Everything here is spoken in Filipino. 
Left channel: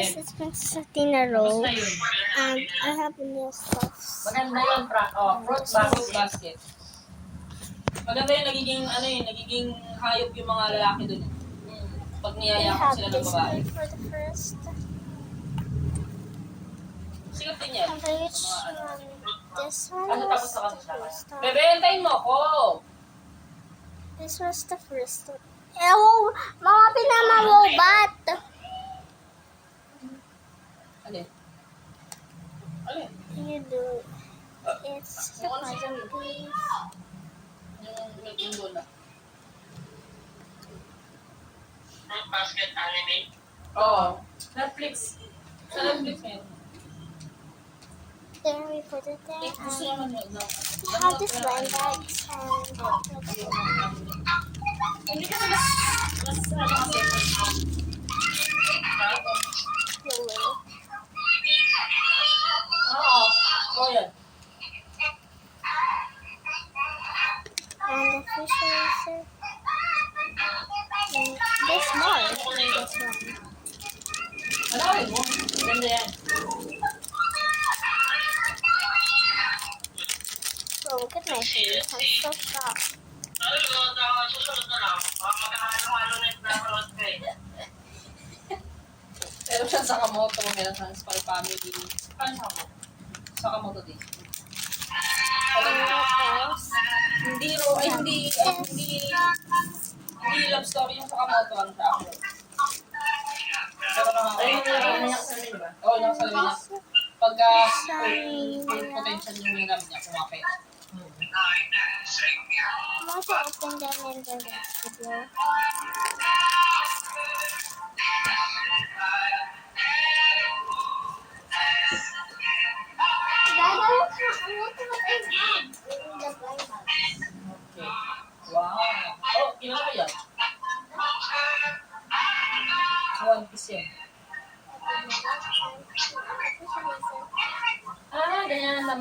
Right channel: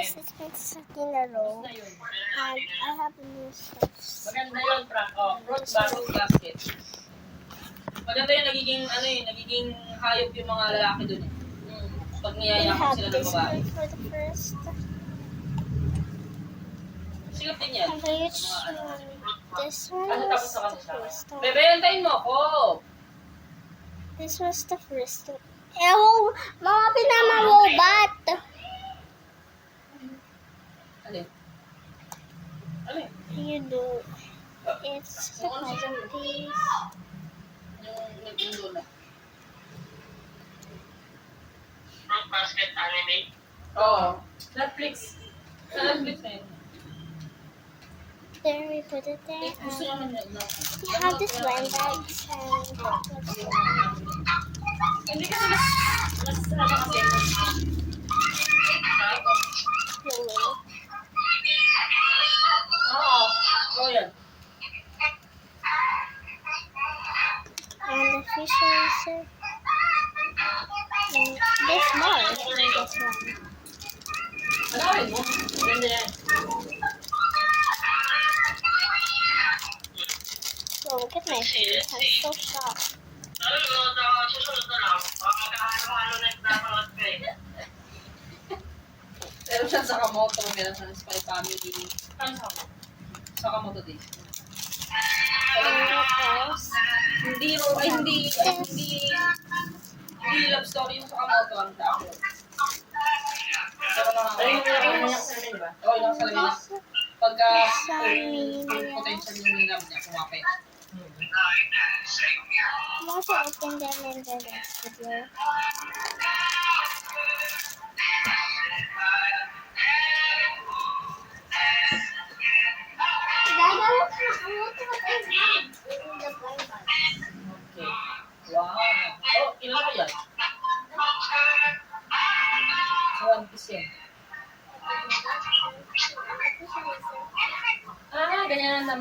guys, it's Princess Athena Roll. Basta yun. And I have a new stuff. Maganda yun, fruit basket. Maganda yun, nagiging hayop yung mga lalaki dun. Pag We niyayakap have sila ng this babae. one for the first. Sigap din yan. And which one? This one Ano was tapos sa the kanila? first one. Bebe, antayin mo ako! This was the first one. Ew! Mga pinamawobat! Alin? Alin? You do. It's a puzzle piece. Yung lola. Fruit basket anime. Oo. Netflix. Sa Netflix na yun. There we put it there. Gusto And naman yun. we have this blanket and Hindi kasi mas kasi. pillow. Oo. Oo yan. And the fish eraser. And this more than this one. Malawin mo. Ganda yan. Oh, look at my face. I'm so shocked. Susunod na lang. Magkakalo na yung napanood ko eh. Pero siya sa Kamoto, meron sa Spy Family. Paano sa Kamoto? Sa Kamoto din. And what else? Hindi love story yung sa Kamoto, ano sa ako. Pero yung nakasalamin, di ba? Oo, yung nakasalamin na. Pagka full potential yung love niya, kumapit. I'm also open them in the next video. Okay. Wow. Oh, ilan ba yan? Sa One Piece yan. Ah, ganyan naman.